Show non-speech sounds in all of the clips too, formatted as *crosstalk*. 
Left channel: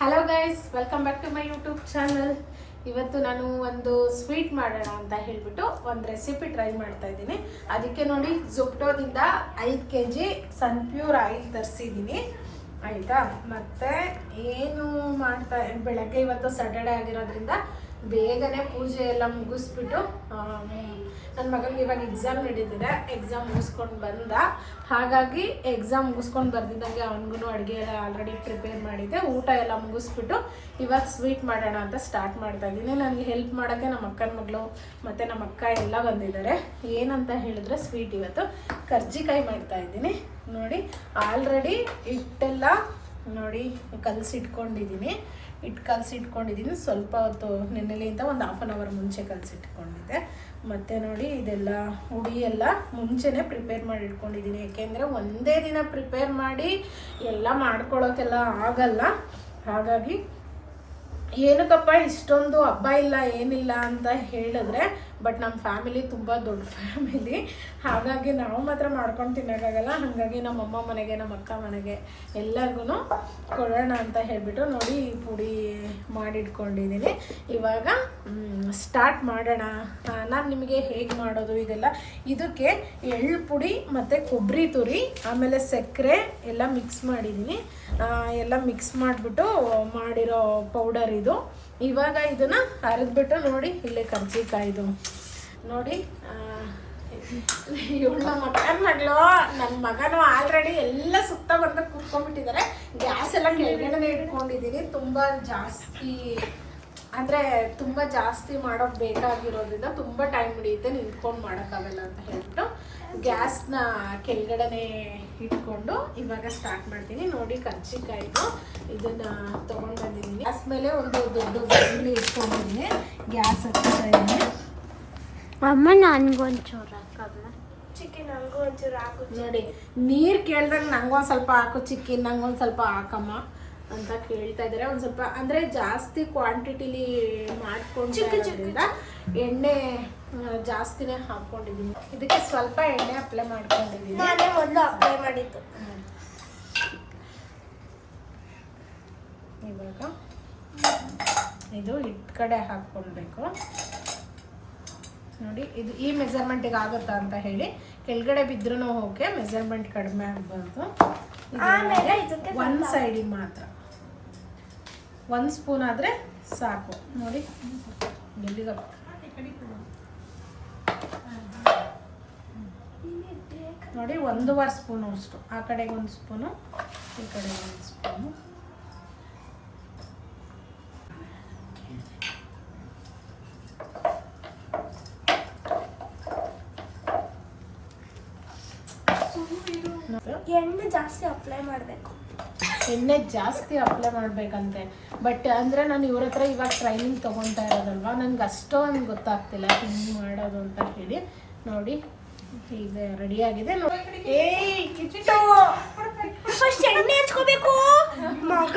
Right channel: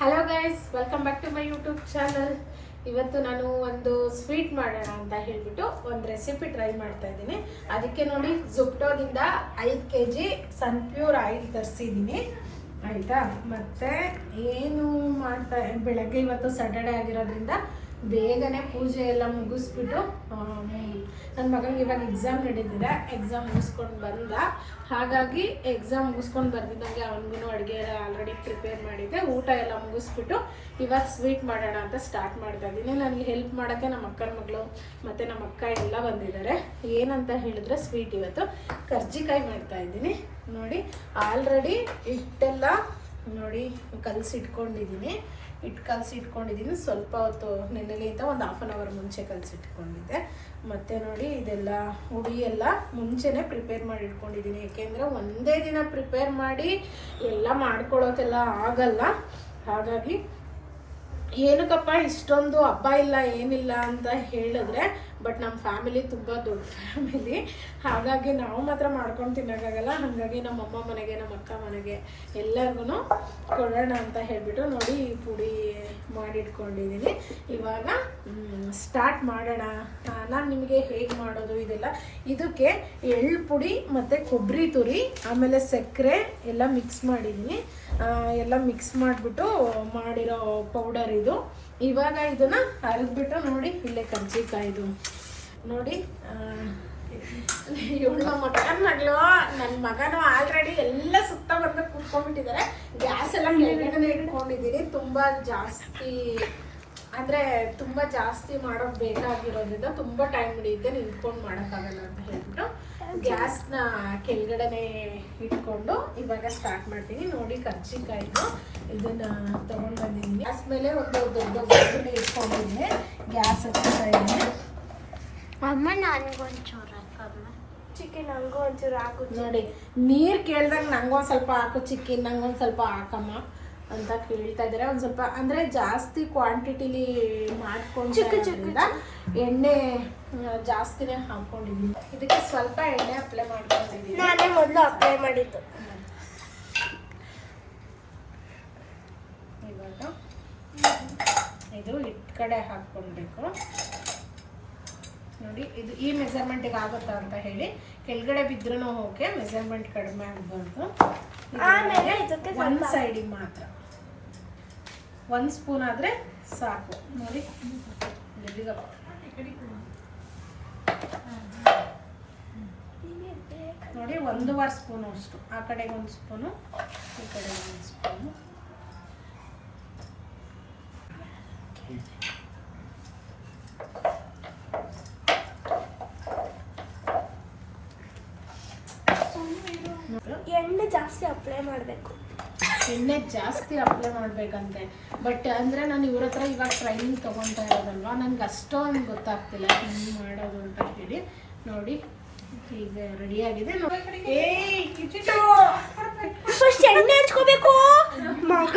Hello guys welcome back to my YouTube channel ಇವತ್ತು ನಾನು ಒಂದು ಸ್ವೀಟ್ ಮಾಡೋಣ ಅಂತ ಹೇಳಿಬಿಟ್ಟು ಒಂದು ರೆಸಿಪಿ ಟ್ರೈ ಮಾಡ್ತಾ ಇದ್ದೀನಿ. ಅದಕ್ಕೆ ನೋಡಿ ಜುಪ್ಟೋದಿಂದ ಐದು ಕೆ ಜಿ ಸನ್ಪ್ಯೂರ್ ಆಯಿಲ್ ತರಿಸಿದ್ದೀನಿ. ಆಯಿತಾ? ಮತ್ತು ಏನು ಮಾಡ್ತಾ ಬೆಳಗ್ಗೆ ಇವತ್ತು ಸ್ಯಾಟರ್ಡೆ ಆಗಿರೋದ್ರಿಂದ ಬೇಗನೆ ಪೂಜೆ ಎಲ್ಲ ಮುಗಿಸ್ಬಿಟ್ಟು ನನ್ನ ಮಗನಿಗೆ ಇವಾಗ ಎಕ್ಸಾಮ್ ನಡೀತಿದೆ. ಎಕ್ಸಾಮ್ ಮುಗಿಸ್ಕೊಂಡು ಬಂದ. ಹಾಗಾಗಿ ಎಕ್ಸಾಮ್ ಮುಗಿಸ್ಕೊಂಡು ಬರ್ದಿದ್ದಂಗೆ ಅವನಿಗೂ ಅಡುಗೆ ಎಲ್ಲ ಆಲ್ರೆಡಿ ಪ್ರಿಪೇರ್ ಮಾಡಿದ್ದೆ. ಊಟ ಎಲ್ಲ ಮುಗಿಸ್ಬಿಟ್ಟು ಇವಾಗ ಸ್ವೀಟ್ ಮಾಡೋಣ ಅಂತ ಸ್ಟಾರ್ಟ್ ಮಾಡ್ತಾ ಇದ್ದೀನಿ. ನನಗೆ ಹೆಲ್ಪ್ ಮಾಡೋಕ್ಕೆ ನಮ್ಮ ಅಕ್ಕನ ಮಗಳು ಮತ್ತು ನಮ್ಮ ಅಕ್ಕ ಎಲ್ಲ ಬಂದಿದ್ದಾರೆ. ಏನಂತ ಹೇಳಿದ್ರೆ ಸ್ವೀಟ್ ಇವತ್ತು. ಕರ್ಜಿಕಾಯಿ ಮಾಡ್ತಾ ಇದ್ದೀನಿ. ನೋಡಿ ಆಲ್ರೆಡಿ ಹಿಟ್ಟೆಲ್ಲ ನೋಡಿ ಕಲಸಿಟ್ಕೊಂಡಿದ್ದೀನಿ. ಹಿಟ್ಟು ಕಲಸಿಟ್ಕೊಂಡಿದ್ದೀನಿ. ಸ್ವಲ್ಪ ಹೊತ್ತು ನೆನ್ನೆಲಿಂದ ಒಂದು ಹಾಫ್ ಆನ್ ಅವರ್ ಮುಂಚೆ ಕಲಸಿಟ್ಕೊಂಡಿದ್ದೆ. ಮತ್ತು ನೋಡಿ ಇದೆಲ್ಲ ಹುಡಿ ಎಲ್ಲ ಮುಂಚೆನೇ ಪ್ರಿಪೇರ್ ಮಾಡಿ ಇಟ್ಕೊಂಡಿದ್ದೀನಿ. ಏಕೆಂದರೆ ಒಂದೇ ದಿನ ಪ್ರಿಪೇರ್ ಮಾಡಿ ಎಲ್ಲ ಮಾಡ್ಕೊಳ್ಳೋಕೆಲ್ಲ ಆಗಲ್ಲ. ಹಾಗಾಗಿ ಏನಕ್ಕಪ್ಪ, ಇಷ್ಟೊಂದು ಹಬ್ಬ ಇಲ್ಲ, ಏನಿಲ್ಲ ಅಂತ ಹೇಳಿದ್ರೆ ಬಟ್ ನಮ್ಮ ಫ್ಯಾಮಿಲಿ ತುಂಬ ದೊಡ್ಡ ಫ್ಯಾಮಿಲಿ ಹಾಗಾಗಿ ನಾವು ಮಾತ್ರ ಮಾಡ್ಕೊಂಡು ತಿನ್ನೋಕ್ಕಾಗಲ್ಲ. ಹಾಗಾಗಿ ನಮ್ಮ ಅಮ್ಮ ಮನೆಗೆ ನಮ್ಮ ಅಕ್ಕ ಮನೆಗೆ ಎಲ್ಲರಿಗೂ ಕೊಡೋಣ ಅಂತ ಹೇಳಿಬಿಟ್ಟು ನೋಡಿ ಈ ಪುಡಿ ಮಾಡಿಟ್ಕೊಂಡಿದ್ದೀನಿ ಇವಾಗ ಸ್ಟಾರ್ಟ್ ಮಾಡೋಣ. ನಾನು ನಿಮಗೆ ಹೇಗೆ ಮಾಡೋದು ಇದೆಲ್ಲ. ಇದಕ್ಕೆ ಎಳ್ಳು ಪುಡಿ ಮತ್ತು ಕೊಬ್ಬರಿ ತುರಿ, ಆಮೇಲೆ ಸಕ್ಕರೆ ಎಲ್ಲ ಮಿಕ್ಸ್ ಮಾಡಿದ್ದೀನಿ ಎಲ್ಲ ಮಿಕ್ಸ್ ಮಾಡಿಬಿಟ್ಟು ಮಾಡಿರೋ ಪೌಡರ್ ಇದು. ಇವಾಗ ಇದನ್ನ ಅರೆದ್ಬಿಟ್ಟು ನೋಡಿ, ಇಲ್ಲೇ ಕರ್ಜಿಕಾಯ್ದು. ನೋಡಿ ಇವಳ ಮಕ್ಕನ ಮಗಳು ನನ್ನ ಮಗನು ಆಲ್ರೆಡಿ ಎಲ್ಲ ಸುತ್ತ ಬಂದು ಕೂತ್ಕೊಂಡ್ಬಿಟ್ಟಿದ್ದಾರೆ ಗ್ಯಾಸ್ ಎಲ್ಲ ಕೆಳಗಡೆ ಇಟ್ಕೊಂಡಿದ್ದೀನಿ ತುಂಬ ಜಾಸ್ತಿ, ಅಂದ್ರೆ ತುಂಬ ಜಾಸ್ತಿ ಮಾಡೋಕೆ ಬೇಕಾಗಿರೋದ್ರಿಂದ ತುಂಬ ಟೈಮ್ ಹಿಡಿಯುತ್ತೆ ನಿಂತ್ಕೊಂಡು ಮಾಡೋಕ್ಕಾಗಲ್ಲ ಅಂತ ಹೇಳ್ಬಿಟ್ಟು. ಗ್ಯಾಸ್ನ ಕೆಳಗಡೆನೆ ಇಟ್ಕೊಂಡು ಇವಾಗ ಸ್ಟಾರ್ಟ್ ಮಾಡ್ತೀನಿ. ನೋಡಿ ಕರ್ಜಿಕಾಯಿದು ಇದನ್ನ ತೊಗೊಂಡು ಬಂದಿದ್ದೀನಿ. ಗ್ಯಾಸ್ ಮೇಲೆ ಒಂದು ದೊಡ್ಡ ಬಾಣಲಿ ಇಟ್ಕೊಂಡಿದ್ದೀನಿ ಗ್ಯಾಸ್ ಇದ್ದೀನಿ ಅಮ್ಮ ನನ್ಗೊಂಚೂರು ಚಿಕನ್ ನನಗೂ ಒಂಚೂರು ಹಾಕು. ನೋಡಿ ನೀರು ಕೇಳ್ದಾಗ ನಂಗೊಂದು ಸ್ವಲ್ಪ ಹಾಕು ಚಿಕನ್ ನಂಗೊಂದು ಸ್ವಲ್ಪ ಹಾಕಮ್ಮ. ಅಂತ ಕೇಳ್ತಾ ಇದ್ದಾರೆ. ಒಂದು ಸ್ವಲ್ಪ ಅಂದರೆ ಜಾಸ್ತಿ ಕ್ವಾಂಟಿಟಿಲಿ ಮಾಡ್ಕೊಂಡು ಎಣ್ಣೆ ಜಾಸ್ತಿನೇ ಹಾಕೊಂಡಿದ್ದೀನಿ. ಇದಕ್ಕೆ ಸ್ವಲ್ಪ ಎಣ್ಣೆ ಅಪ್ಲೈ ಮಾಡ್ಕೊಂಡಿದ್ದೀನಿ. ನಾನೇ ಮೊದಲು ಅಪ್ಲೈ ಮಾಡಿದ್ದು. ಇವಾಗ ಇದು ಇಟ್ ಕಡೆ ಹಾಕ್ಕೊಳ್ಬೇಕು. ನೋಡಿ ಇದು ಈ ಮೆಜರ್ಮೆಂಟಿಗೆ ಆಗುತ್ತಾ ಅಂತ ಹೇಳಿ. ಕೆಳಗಡೆ ಬಿದ್ರೂ ಹೋಗಿ ಮೆಜರ್ಮೆಂಟ್ ಕಡಿಮೆ ಆಗಬಾರ್ದು. ಒಂದು ಸೈಡಿಗೆ ಮಾತ್ರ. ಒಂದು ಸ್ಪೂನ್ ಆದರೆ ಸಾಕು. ನೋಡಿ. ಎಲ್ಲಿಗಪ್ಪ? ನೋಡಿ, ಒಂದೂವರೆ ಸ್ಪೂನು ಅಷ್ಟು. ಆ ಕಡೆಗೆ ಒಂದು ಸ್ಪೂನು, ಈ ಕಡೆಗೆ ಒಂದು ಸ್ಪೂನು ನೋಡಿ. ಎಣ್ಣೆ ಜಾಸ್ತಿ ಅಪ್ಲೈ ಮಾಡಬೇಕು. ಎಣ್ಣೆ ಜಾಸ್ತಿ ಅಪ್ಲೈ ಮಾಡ್ಬೇಕಂತೆ. ಬಟ್ ಅಂದರೆ ನಾನು ಇವ್ರ ಹತ್ರ ಇವಾಗ ಟ್ರೈನಿಂಗ್ ತೊಗೊತಾ ಇರೋದಲ್ವಾ? ನನಗೆ ಅಷ್ಟೊಂದು ಗೊತ್ತಾಗ್ತಿಲ್ಲ. ಹಿಂಗೆ ಮಾಡೋದು ಅಂತ ಹೇಳಿ. ನೋಡಿ ಈಗ ರೆಡಿ ಆಗಿದೆ. ಫಸ್ಟ್ ಎಣ್ಣೆ ಹಚ್ಕೋಬೇಕು. ಮಗ!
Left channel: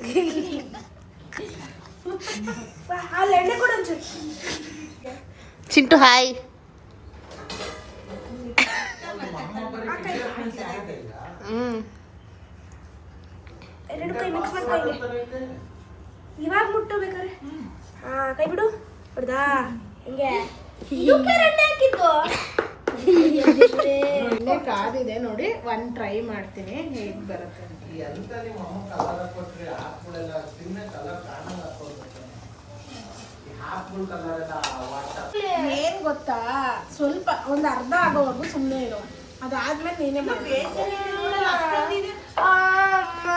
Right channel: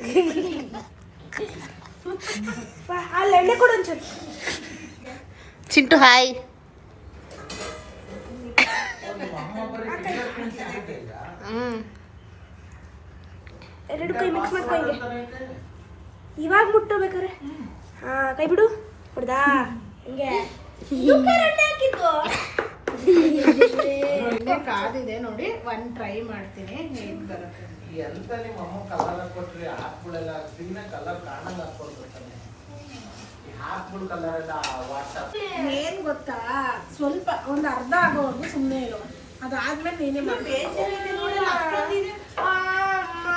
*laughs* ಅಲ್ಲಿ ಎಣ್ಣೆ ಕೊಡು ಚಿಂಟು ಹಾಯ್ ಕೈ ಮಿಕ್ಸ್ ಮಾಡ್ಕೊ ಇವಾಗ ಬಿಟ್ಟು ಬೇಕಾರೆ ಹಾ ಕೈ ಬಿಡು. ಹೊಡ್ದಾ ಹಿಂಗೆ. ಎಣ್ಣೆ ಕಾದಿದೆ ನೋಡಿ. ಒಂದು ಟ್ರೈ ಮಾಡ್ತೀನಿ. ಹೇಗ್ ಬರುತ್ತೆ. ಎಂತ ನಿಮ್ಮ ಅಮ್ಮ ಕಲರ್ ಹಾಕ್ಬಿಡಲ್ಲ. ಕಲರ್ ಕಾಣಲ್ಲ ಏನ್ ಗೊತ್ತಾ? ಸ್ವಲ್ಪ ಒಂದು ಅರ್ಧ ಆಗೋವರೆಗೂ ಸುಮ್ಮನೆ ಇರು. ಅದಾದ್ಮೇಲೆ ನೀನೇ ಮಾಡಿ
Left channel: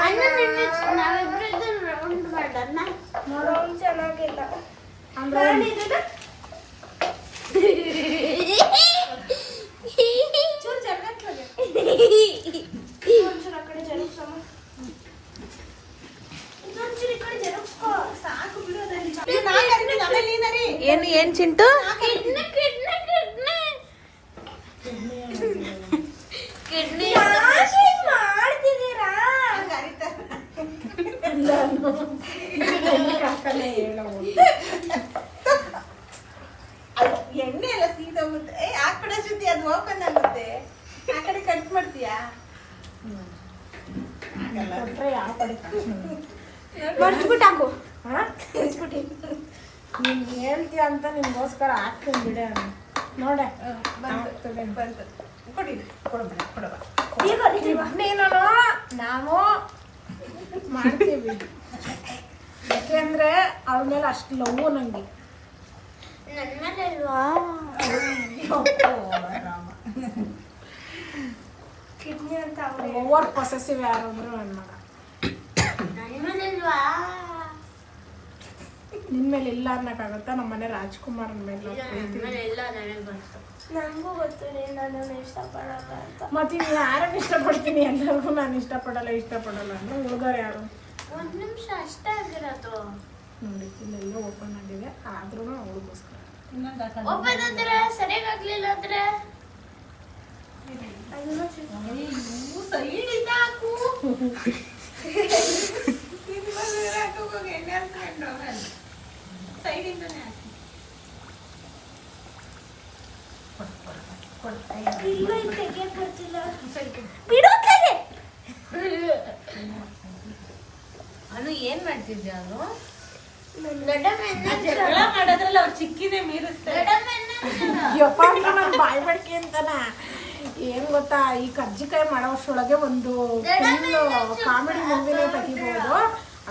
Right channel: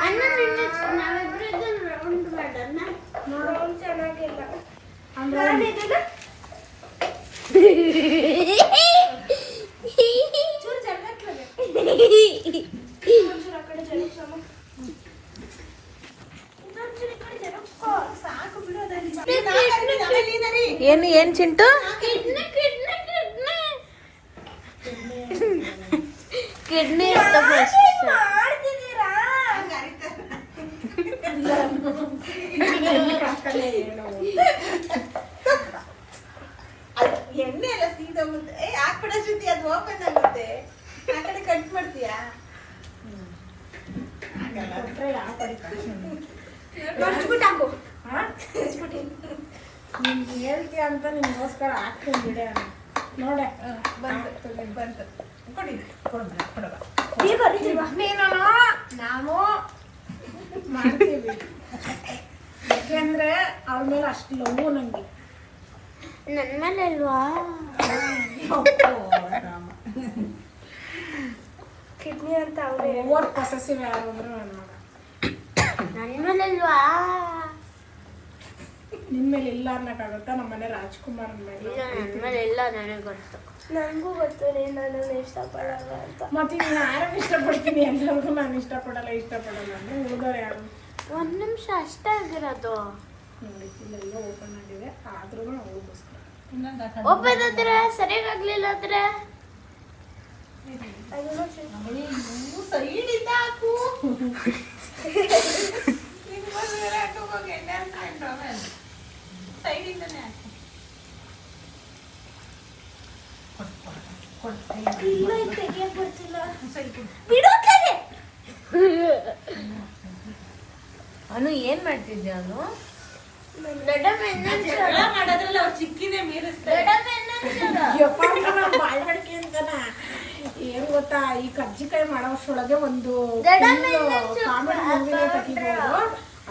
ಅಣ್ಣ ನಿನ್ನೆ ನಾವಿಬ್ರು ರೌಂಡ್ ಮಾಡೋಣ ನೋಡೋನ್ ಚೆನ್ನಾಗಿಲ್ಲ ಅಂದ್ರೆ ನಾನು ಇದನ್ನ ಚೂರು ಜರಗತ್ಲಗೆ ಒಂಚೂರು ಆ ಕಡೆ ಜರುಗ್ಸಮ್ಮ ಇನ್ನೊಂಚೂರು ಈ ಕಡೆ ಜರುಗ್ಸ್ಕೋ ಸಾಕು ಬಿಡೋದಲ್ಲಿ ಏನು ಏನ್ ಚಿಂಟು ಕಿಡ್ನಿ ಮಾಡ್ತೀಯಾ? ಕೊಟ್ರೆ ಯಾವ ಕಡೆ ನೀನು ಹಾಕು. ಹಾ? ಮರ್ಚ್ಬಿಟ್ಟು. ನೀನ್ ಹೇಳ್ತೀಯ ಅಂತ ನಿನ್ಗೋಸ್ಕರ ಹಾಕ್ತೀನಿ ಬಿಡ ನೋಡೆ. ಬಂತು ಬಂತು. ಕೊಡಿ. ಕೊಡಬೇಡ ಕೊಡಬೇಡ. ನೀನು ನಾವು ಮಾಡ್ತೀವಿ. ಯಾಕೆಂದ್ರೆ ಅವ್ರ ಮೇಲೆ ಅಷ್ಟು ಲವ್ ನಂಗೆ. ನನ್ನ ಮೇಲೆ ಅಲ್ವಾ ಕಿಡ್ನಿ ಅಂತ ಅವ್ರೆ ಓವರ್ ಪೊಸೆಸಿವ್ ಯಾರು ಅಂದ್ರೆ ನನ್ನ ಮಗ. ನನ್ನ ಮೇಲೆ ಅಲ್ವಾ ನಿನ್ ಮೇಲೆ ಇಲ್ಲ ಅನ್ನಕ್ಕಾಗತ್ತಾ ನಮ್ಮ ಮನೆ ರಾಜ್ಕುಮಾರ್ ಮೇಲೆ. ಎಲ್ಲ ನನಗೆ ಗೊತ್ತು. ನನಗೂ ಗೊತ್ತು ನೀನು ನನ್ನನ್ನು ಇಷ್ಟಪಡಲ್ಲ ಅಂತ. ಮತ್ತೆ ನೀನು ಯಾರನ್ನು ಇಷ್ಟಪಡ್ತೀನಿ ಎಲ್ಲರಿಗೂ ನಾನು ಇಷ್ಟಪಡಲ್ಲ ಇಷ್ಟಪಡಲ್ಲ ಅಂದ್ರೆ ಹುಡುಗರು ಯಾರು? ಒಂದು ನಿಮಿಷ ಅಷ್ಟೇ ಆಗಿರೋದು ನೋಡಿ ಇಲ್ಲೆಲ್ಲ ಓಪನ್ ಆಗಿದೆ. ಆದ್ರೂ ಅವಳಿಗೋಸ್ಕರ ಇನ್ನೊಂದು. ಓಪನ್ ಆದ್ರೆ ಸರಿಯಾಗ್ಲಿಲ್ಲ ಅಂದ್ರೆ? ಅನು ಏನ್ ಮಾಡ್ತಿದ್ದೆ ಅನು? ಮಾಡೋದ್ರಲ್ಲ ಎನ್ನ ಜಗಳ ಮಾಡೋದ್ರಲ್ಲಿ ಅವ್ರು ಚಿಕ್ಕಿದೆ ಮೀರಿಸ್ತಾರೆ. ಯಪ್ಪ ನನ್ನ ಬಾಯಿ ಬಡ್ಕೆ ಅಂತಾನ. ಏನ್ ಗೊತ್ತಾ ಈ ಕರ್ಜಿಕಾಯಿ ಮಾಡೋ ಅಷ್ಟರೊಳಗೆ ಒಂದು ಕಾಮಿಡಿ ಮೂವಿನೇ ತೆಗಿಬಹುದು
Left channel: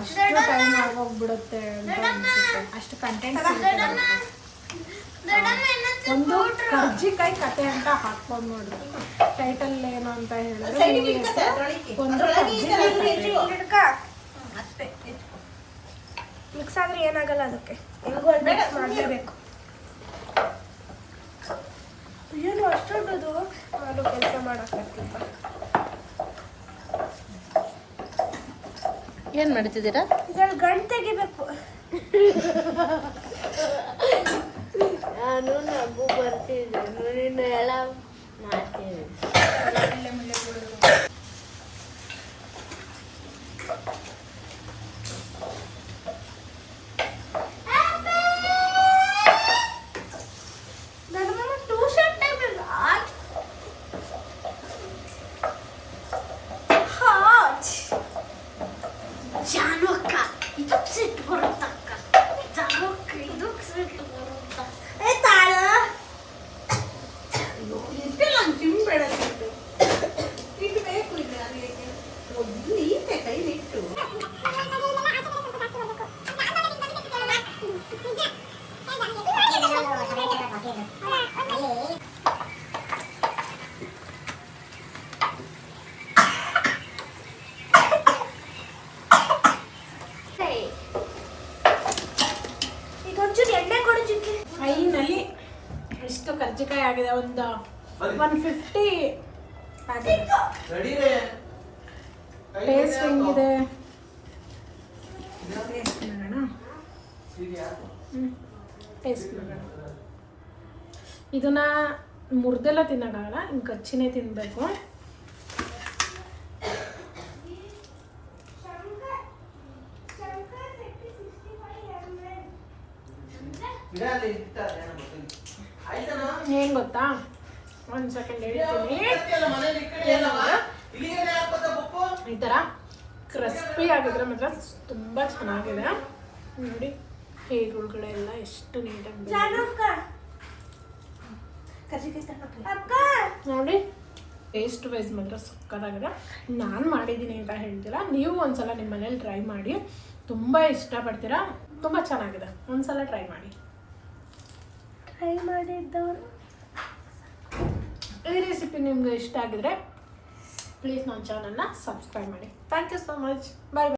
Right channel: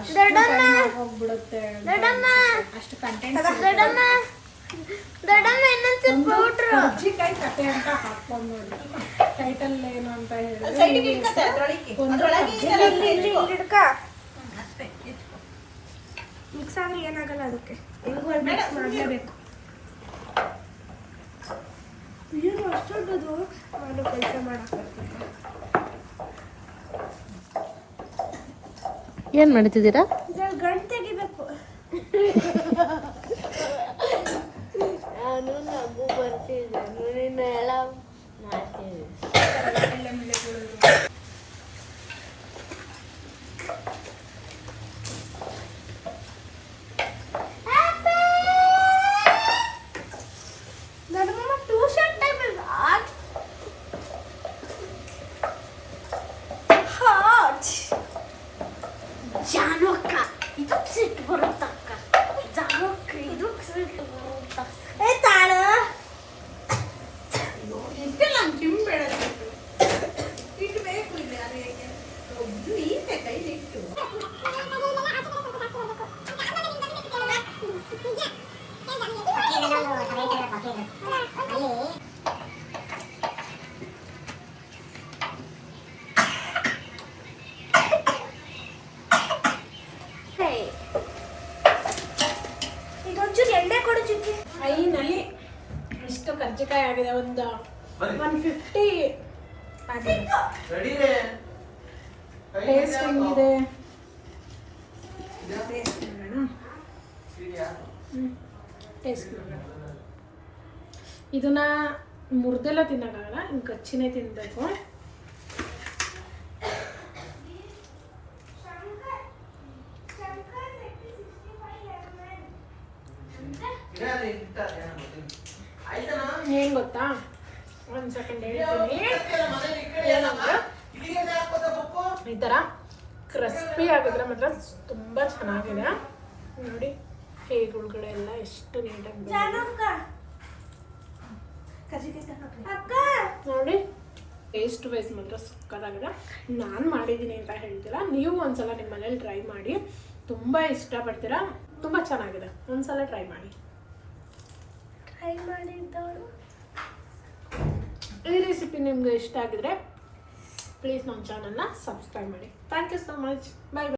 ಅಷ್ಟು ಟೈಮ್ ಆಗೋಗ್ಬಿಡುತ್ತೆ. ಅಷ್ಟು ಕಂಟೆಂಟ್ ಎನ್ನ ಒಂದು ಕರ್ಜಿಕಾಯಿ ಕತೆ ಅಂತ ಹಾಕ್ಬೋದು ನೋಡಿ. ಟೈಟಲ್ ಏನು ಅಂತ ಹೇಳಿದ್ರೆ ಒಂದು ಮಿಕ್ಸ್ ಆದ್ರೆ ಏನಾಗಲ್ಲ ಅದಕ್ಕೆ. ಮಿಕ್ಸ್ ಮಾಡಲೇಬೇಕು. ಏನು ಅಷ್ಟೊಂದು ನಾನು ಕೆಲಸ ಮಾಡಕ್ಕಾಗ್ತಿಲ್ಲ ಏನ್ ಮಾಡ್ತಿದ್ದೀರಾ? ಇದ್ರಲ್ಲಿ ಗಂಟು ತೆಗಿಬೇಕು. ನಾನು ನಗು ಬರ್ತಿದ್ದೆ ನೀನು ಎಲ್ಲ ಮಾಡ್ತೀನಿ ಇದಕ್ಕೆ ಸಿಟ್ಟು ಬರುತ್ತಕ್ಕ ಜಾನು ಅಕ್ಕ ಇದಕ್ಕೆ ಸಿಟ್ಟು ಬರುತ್ತ ಏ ತಾಳ ಇಟ್ಟಿಲ್ಲ ಹಂಗ್ ಚಿಮ್ಬೇಡ ಇಟ್ಟು. ಇಟ್ಬೇಕು ಇದು ನನಗೆ. ಒದ್ದು ಈತೆ ಕೈಲಿಟ್ಟು ಇದೊಂಚೂರು ಕರ್ಜಿಕಾಯಿ ಆಗಿದೆ ಒಂದು ಒನ್ ಫಿಫ್ಟಿ ಟೇಸ್ಟ್ ಹೆಂಗಿದೆ? ಟೇಸ್ಟ್ ಮಾಡೋಣ? ಟೇಸ್ಟ್ ಮಾಡೋಣ. ಇದನ್ನ ತಿನ್ಬೇಕು ತಿನ್ನೋಕ್ಕಾಗಲ್ಲ ಹಿಂಗೆ ಕಚ್ಚಿನೇ ತಿನ್ನಬೇಕು ಏನು ಗೊತ್ತಾ? ಒಂದು ಸೆಕೆಂಡ್ ಹೇಳ್ತೀನಿ. ಈ ಥರ ಕ್ರಿಸ್ಪಿ ಆಗಿದ್ರೆ ಮಾತ್ರ ತುಂಬ ಚೆನ್ನಾಗಿದೆ. ನೋಡಿ, ಹೇಗೆ ಒಳಗಡೆ ಎಲ್ಲ ಎಷ್ಟು ನೀಟಾಗಿ ನೋಡಿ ಟೇಸ್ಟ್ ವೈಸ್ ಮಾತ್ರ ಸಕ್ಕದಾಗಿದೆ ನಾನು ಮಾಡಿದ್ದೀನಿ ಅಂತ ಹೇಳ್ತೀರಾ? ನೀವು ಒಂದ್ಸಲ ನಿಮ್ಮ ಮನೇಲಿ ಟ್ರೈ ಮಾಡಿ. ತುಂಬ ಇಷ್ಟಪಡ್ತೀರಾ? ತುಂಬ ಚೆನ್ನಾಗಿದೆ. ಒಂದ್ಸಲ ಟ್ರೈ ಮಾಡಿ. ಟ್ರೈ ಮಾಡಿದ್ದ. ಈ ರೆಸಿಪಿ ನಿಮ್ಗೆ ಇಷ್ಟ ಆಗಿದ್ರೆ ಪ್ಲೀಸ್ ನಮ್ಮ ಚಾನಲ್ನ ಸಬ್ಸ್ಕ್ರೈಬ್ ಮಾಡಿ. Thank you so much bye